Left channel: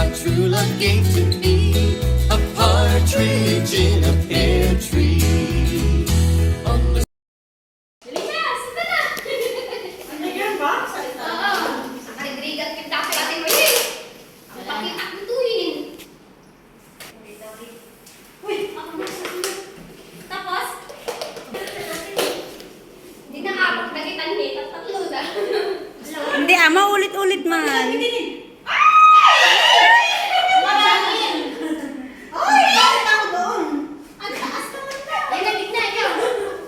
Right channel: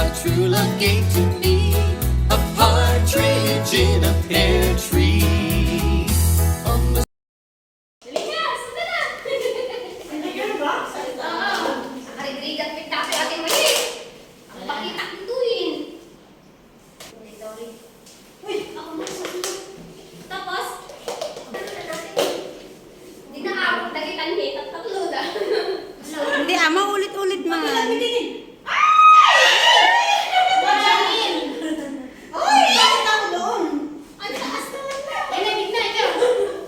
my true love gave to me, a partridge in a pear tree. On the Dali ka! Sunda na! Nandiyan ba? Oo. Nakalibrigat kita sa ating mali. Ang pakita kituin. Uy! Ako na sa sunod. Tapos, hindi na ako nagitan ni. Tatlo na. Hindi, maulit-ulit man. Marangin! Ay! Bakit ako doon? Ang taas naman na. Ay, nagigna ikaw.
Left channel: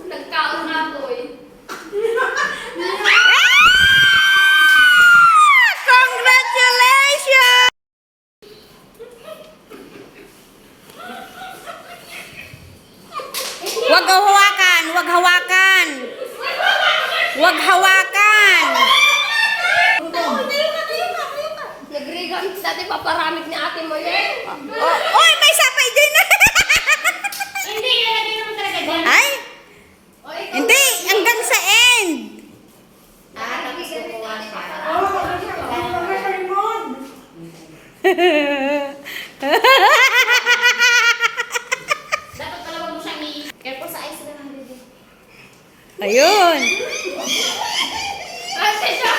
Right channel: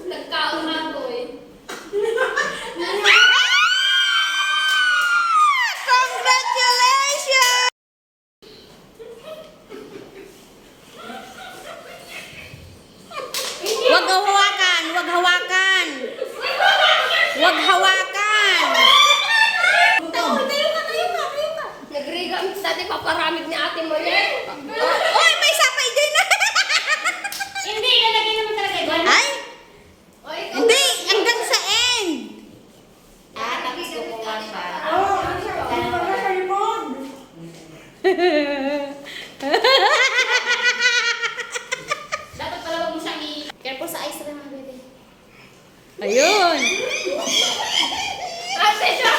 Nagkaon na ako eh. Congratulations! Wag hawakan, wag hawakan. Wag hawakan. Nagriga ang dati paparamid ni ate mo yan. Oy, may sapay din. Hindi, nalagay naman talaga dyan. Ay, O, ikaw. hindi, hanggang sa end. Tapos kukuha siya. Oo, ano ba sa limon? Dapat pala wag mo siyang i-careful sa ice lang, baby. Ayun. Ate siya!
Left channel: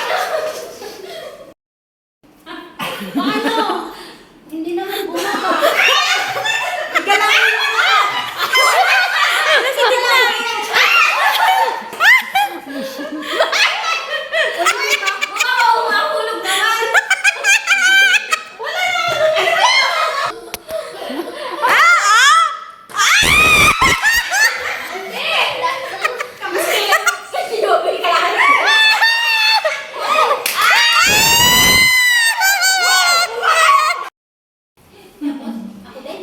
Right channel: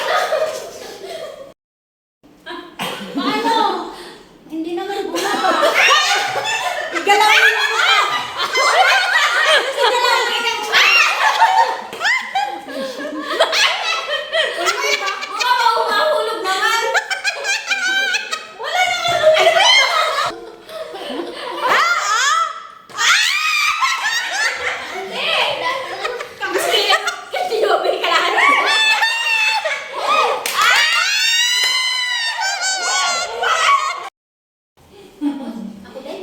Paano? Hindi naman bumaba. Galawin mo! Mahulog naman. Hindi! Kasi yobe ka lang. Ako din?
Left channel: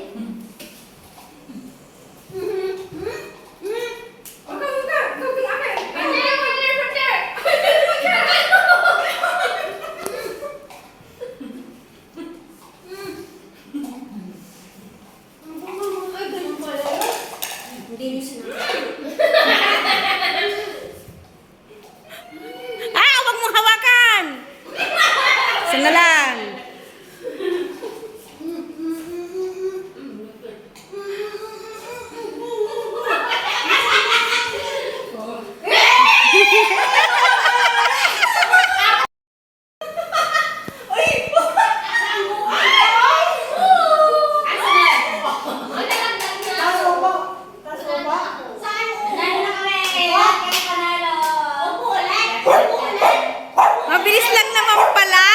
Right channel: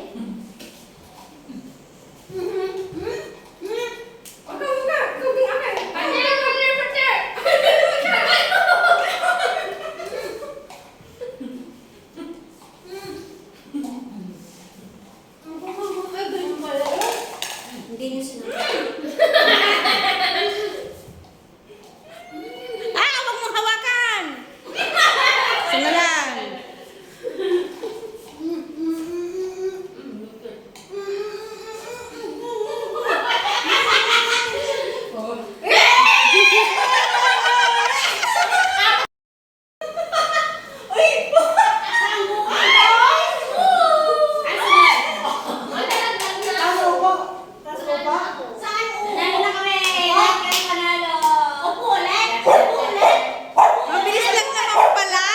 Hindi niyo sinabi. Wag mong hawakan. Sana lang. Taas ko po. Taas ko ba? Mabilis lang naman pala.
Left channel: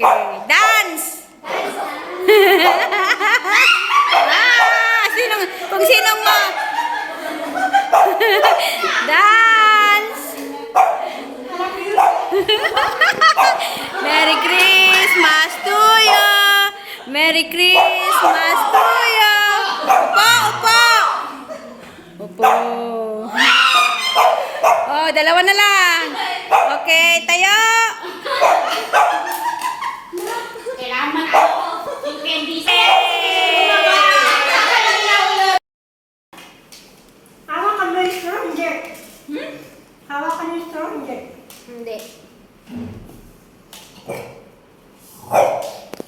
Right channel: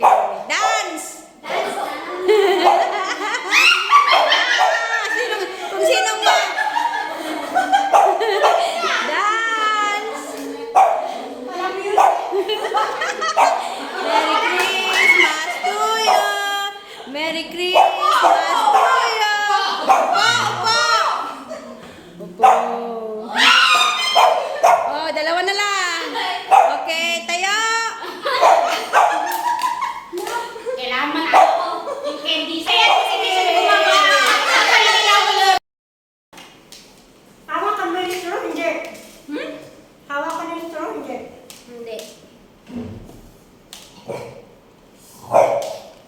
Okay, dance. Kung sinong dance. Merry Christmas to you. Merry Christmas to you. Upo, upo. Upo. Oh, dalawa na lang. Okay, tayo. Kailangan man ako yung candy set. Hawak ka mo yung straw, hindi. Hawak ka yung straw, hindi. Hindi.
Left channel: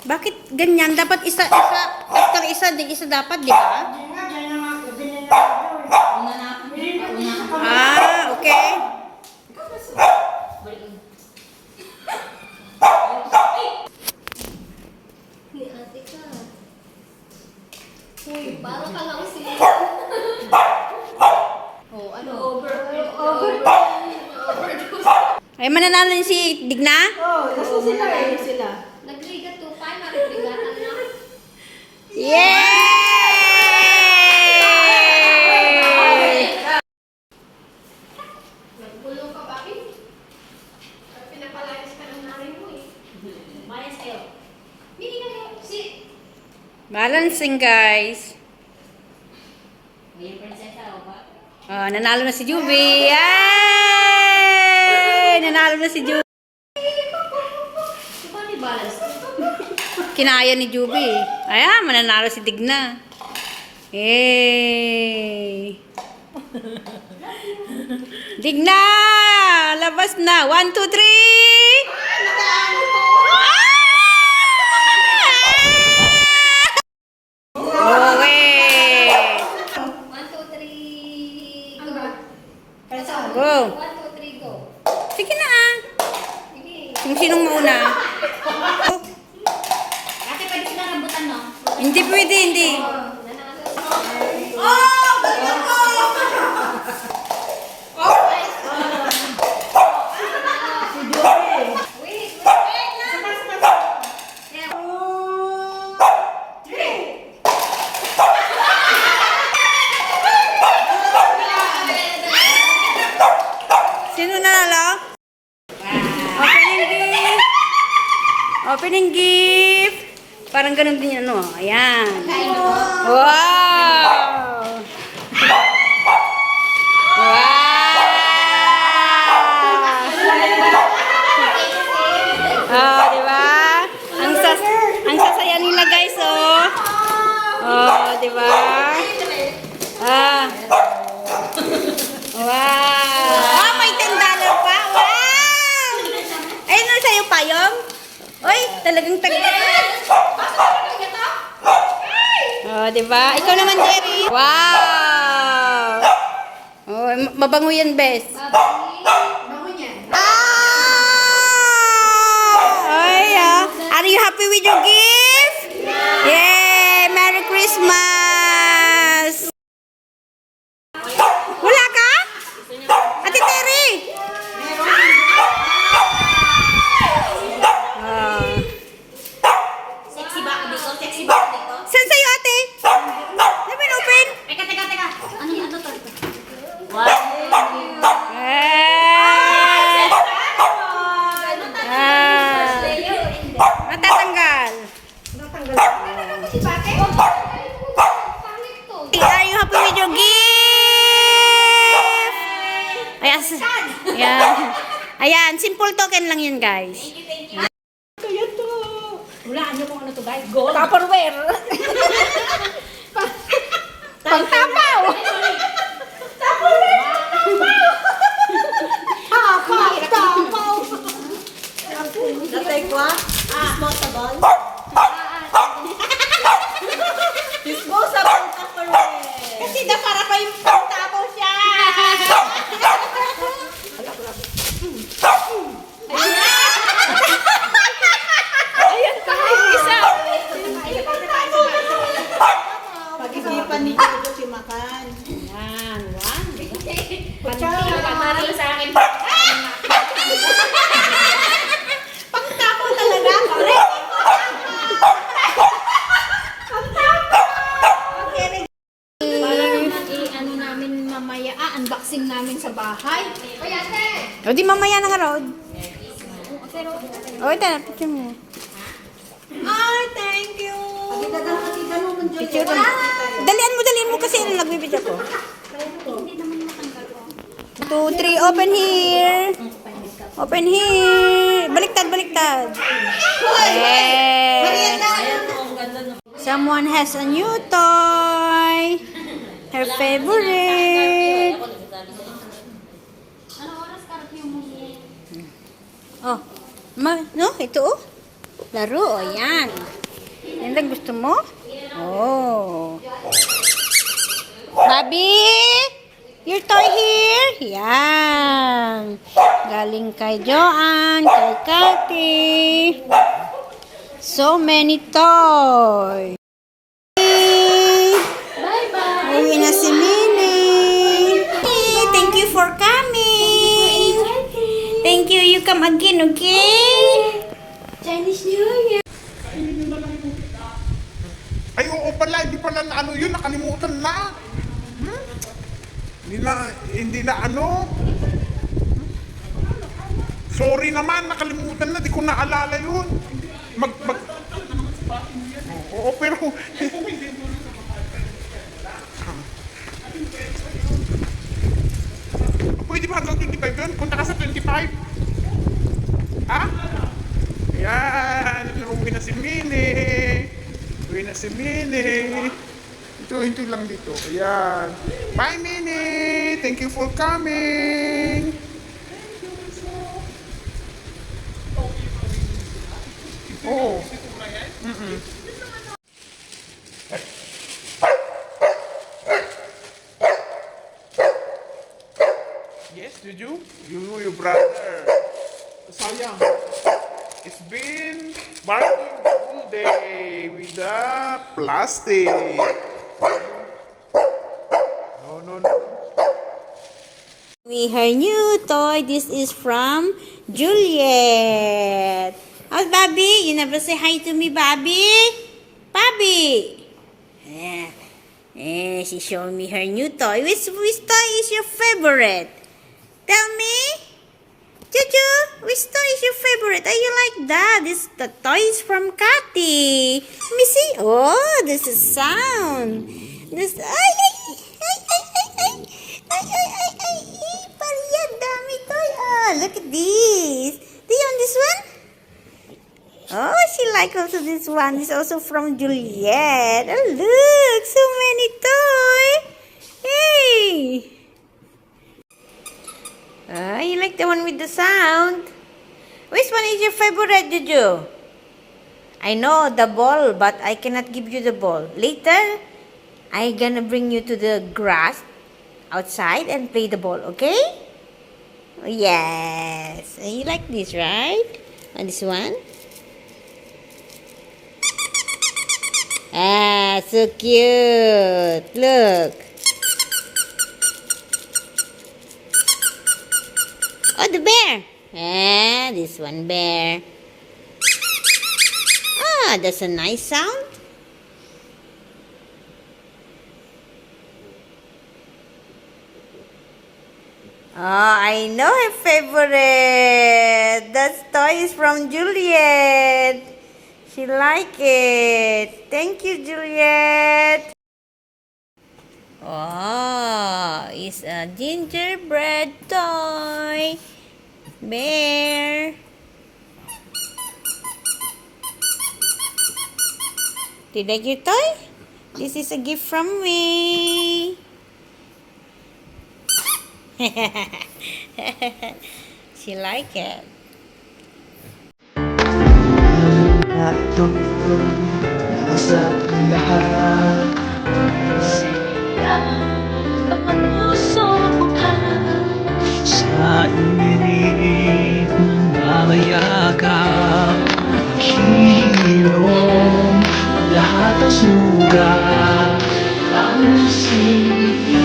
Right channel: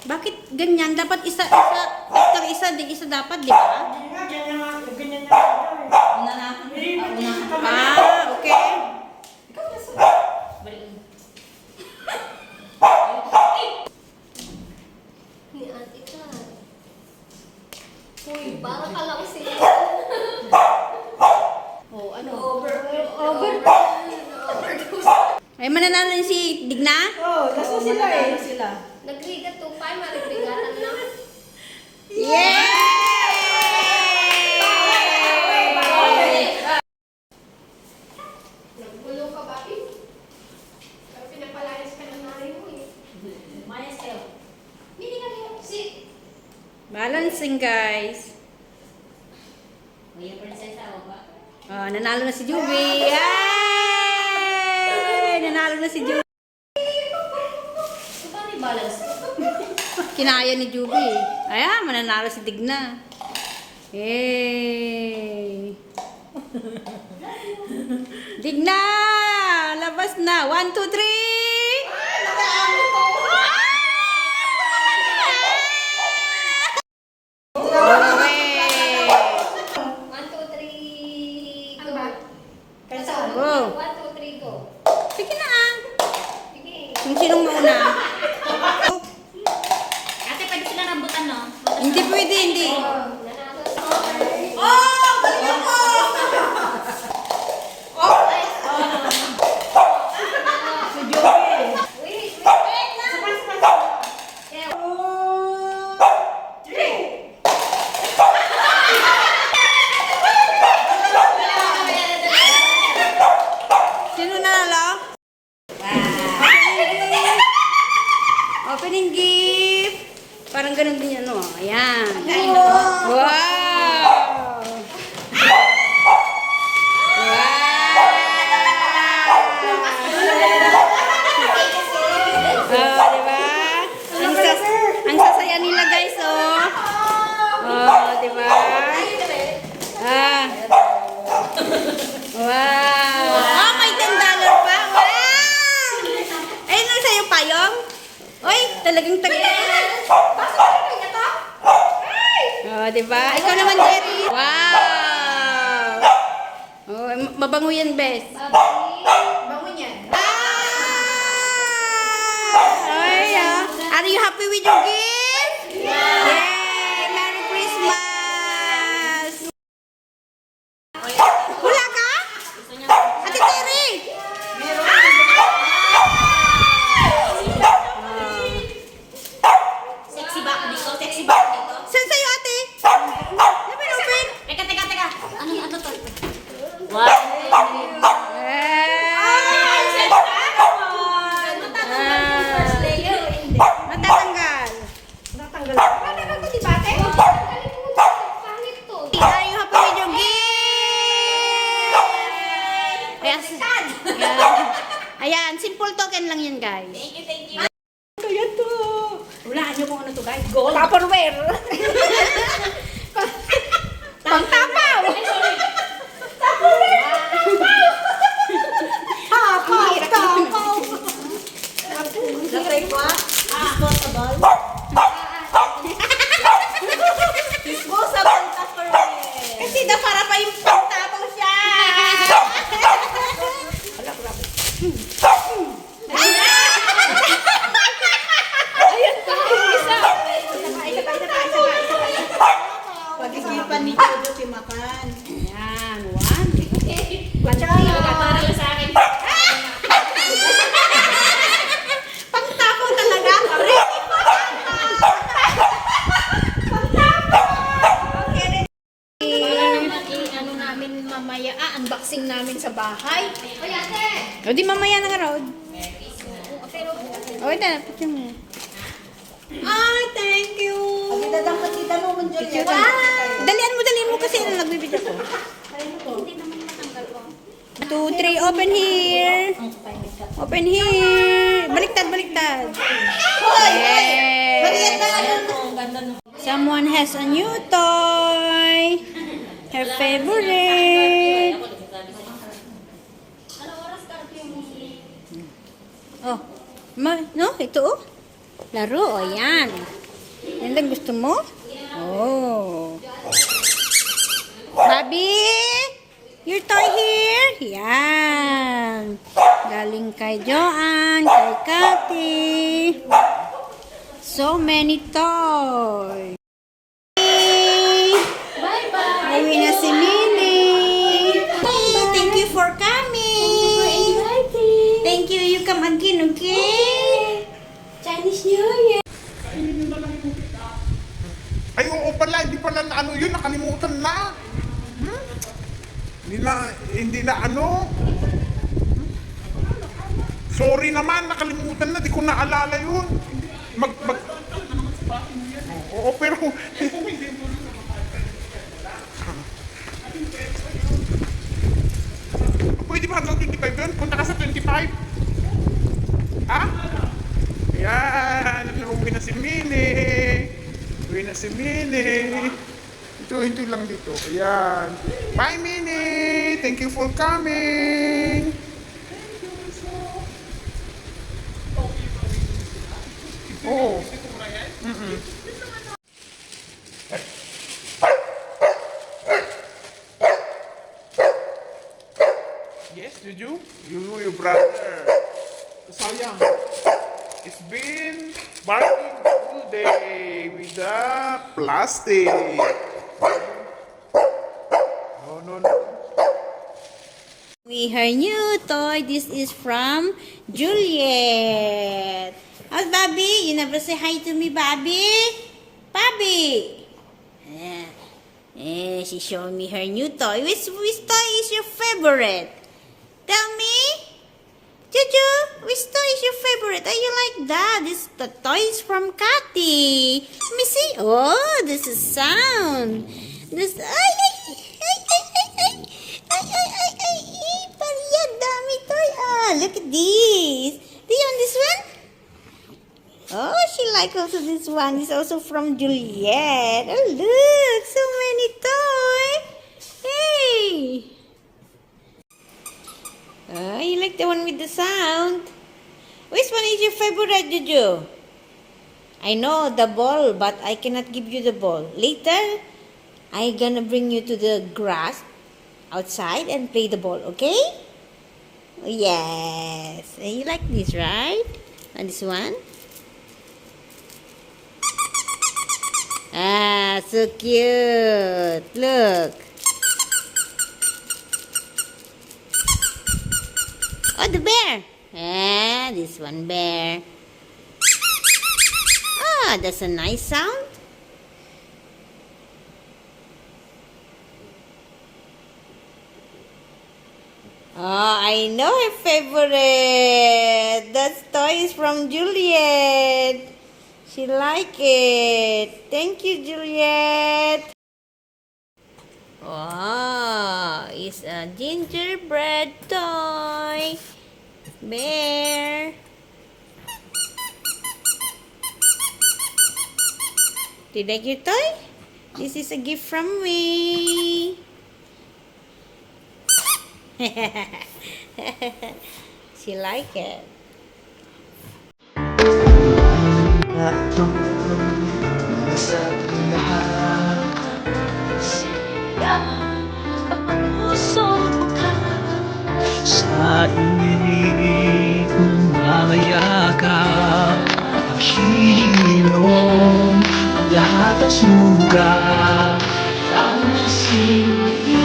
Bakit ganyan? Dapat isa, after isa dapat, di ba? Hindi nga, ganyan nga. Ganyan nga ako. Hindi pa din sa kamay. Okay. Ni ate ka. Uy, parang ka lang sila. Oh, ano? Overdose. Ay, mananalo din si Digna? Oo, basta sila eh. Nagriga to pa, maribigatan na. Yay! Nagbulong ka, Bobby. Pinapalayas ka ng nanay mo eh. Mayas kayo. Hindi ka kayo. Sit. Balancing, guys. Uy, yung prinsesa o ba? Oh, nanalo na si Juby. Yay! Nanalo na si Juby. Paano balance? Kinaya ni Juby. Ayan, mananalo si Digna. Yay! Digna! Labas na! 1, 2, 3! sinong mauna. Ate, pwede sila rambutan, no? Hindi pwede, hindi. Sino nanalo? Opening gift. Parang ganun din ano. Ayan. Wow! Wow! Oh, di ba? Ang sasaya nila guys, oh. Oh, di ba? Ah. Wow! Oh, may $10 pa. Wow! Ayun na sa'yo payong. Uy, talagang Oh, di ba? Ikaw naman, Jerry. Wow! Oh, mabango yan, Bes. Bango niya. Ay, are you happy with your gift? Yeah! Yay! Merry Christmas! Wala ka? Ate Terry! Sexy ba ako dito? Sexy ba ako dito? Saan sa'yo, ate? Open, open! Teka. Ano to? Ay! Matatanggal. Si Bate? Pangit to. Are you happy with your gift? Ayan. Ayan, simple token lang yun, guys. Thank you. Kaya to. Hulaan niyo kung ano to, guys. Gold. Tupperware. Pangtapaw. Tapaw. Like what? Disposable. Disposable Tupperware. Kasi na para pa yung pangtapaw siya. Ayan pa, yung isa. Pag-isipan ni Todo si Makan. Ayan, one. Para lang sa akin. Pangtapaw talaga. Para naman ano namin mamaya, unboxing namin sa bahay. Oy, ate. O di mamaya na nga, Rod. O, ito na, picture mo. Ay, thank you. Pagdadang kasi mo Picture mo. Dalian mo kasi nagbibidyo ko. 2, 3, open here. Open here. Baliktad. Yeah. Someone has a new toy. Her favorite. Oh, no, ito oh. Laro, oh, yan. Yan ang gusto mo? Oh. Bobby, your toy here? Yan. Galing kay Joanne, kay Cathy. So many toys. Bye-bye. Uwi na si Minnie. Hey, thank you for coming. Thank you. You come again, okay? Chinese New Year. Ay, oo pala, hindi pala na ano yun, nakalimutan na. Hindi na ano. Sorry naman, nakalimutan na, di ko naalala yun. Oo, pero... Pwede ba hanggang 25 yun? Punta ka sa 25? Ha? Ayan, uwi na si Minnie. Ito lang dito. Ayan. Bye, Minnie. Thank you for coming. Oo. Yes, did you? You know your brother. Sayang. been barking all day with the plastic. No, no, no. We her new toy. This is from Juliet. How's Bobby? You never say hi to me, Bobby? Bobby! Yeah. Yeah, she's showing me her new toy. Which toy is your favorite? Tell me. Juju, which toy is your favorite? Oh, you like that? The toy is from Cathy. Let me see. Oh, this is sound. This. Ay, ay, ay, ay, ay, ay. Ay, ay, ay, ay, ay. Pariyan, dami toy. Oh, look at this. Do you want this one? Oh, she likes also this one. It's also from Juliet. Oh, look, so many toys. Hey. You like the one with the sound? Which one is your favorite, Juju? I know the ball, but I cannot give you the ball. Later, I'm gonna bring you to the grass outside and play the ball, okay? Oh, yes. You like this, right? And this one? Ah, so cute. Look. Oh, the bear. Ah, this one bear. Ah, that's a nice sound. Oh, I know her favorite. That toy is from Juliet. She like it. Thank you, Juliet. Oh, it's a gingerbread toy. Bear. Do you like your toy? This is a gift from me. She like it. Nasa lahat ang puso ka sa init ng mamayakap ang hilom, lahat ang sugat ang sili.